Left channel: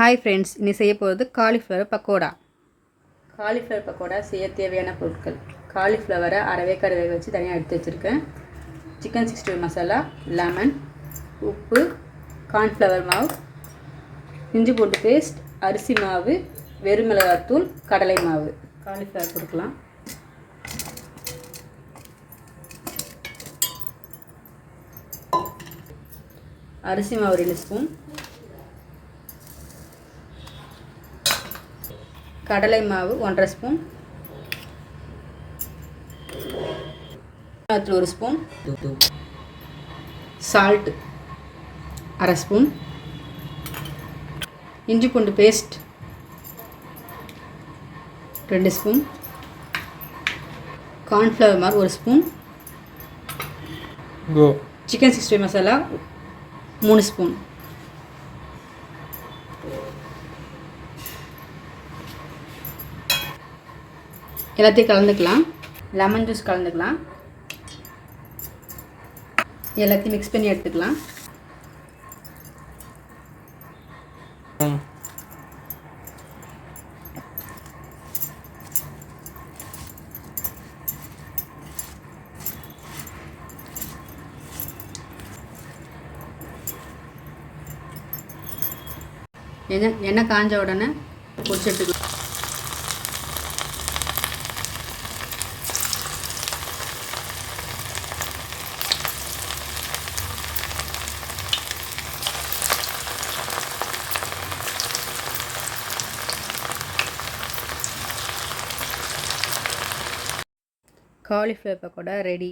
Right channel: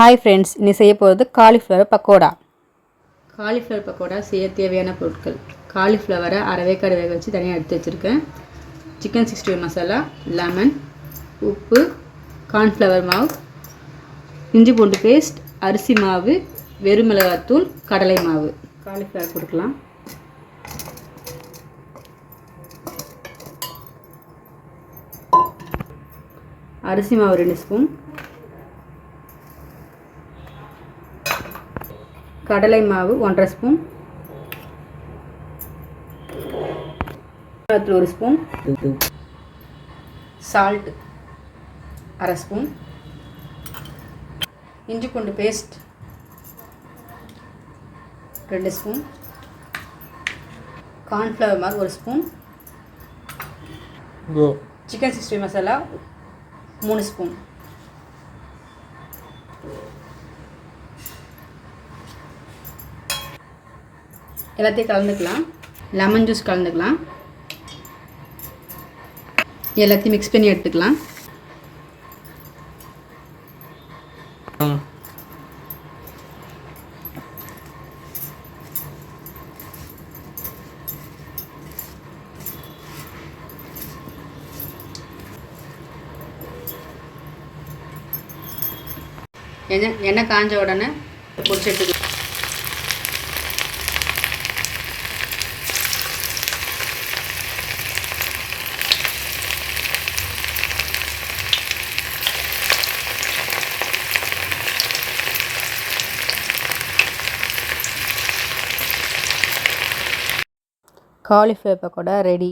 Hi friends, நீ செய்ய போகிறது காலிஃப்ளவர் பக்கோடா. காலிஃப்ளவர் பக்கோடா செய்ய தேவையான பொருட்கள்: காலிஃப்ளவரை அரைவேக்காடு வேக வச்சு தனியாக எடுத்து வச்சுருக்கேன். சிக்கன் 60 மசாலா, லெமன், உப்பு, கார்ன்ஃப்ளவர் மாவு, இஞ்சி பூண்டு பேஸ்ட், அரிசி மாவு, வெறுமிளகாத்தூள், கடலை மாவு. காலிஃப்ளவர் கொடுக்கலாம். அரிசி மாவு 2 ஸ்பூன், கடலை மாவு 1.5 ஸ்பூன், 1 ஸ்பூன், சால்ட் 1/2 ஸ்பூன், இஞ்சி பூண்டு பேஸ்ட் 2 ஸ்பூன், கார்ன்ஃப்ளவர் மாவு 1 ஸ்பூன், சிக்கன் 60 மசாலா 3 ஸ்பூன். எல்லாத்தையும் கலந்துக்கலாம். லெமன் ஜூஸ் கலந்துக்கலாம். எல்லாத்தையும் மிக்ஸ் பண்ணி எடுத்துக்கலாம். எண்ணெய் காஞ்ச உடனே பொரிச்சு எடுத்துக்கலாம். Cauliflower pakoda ready.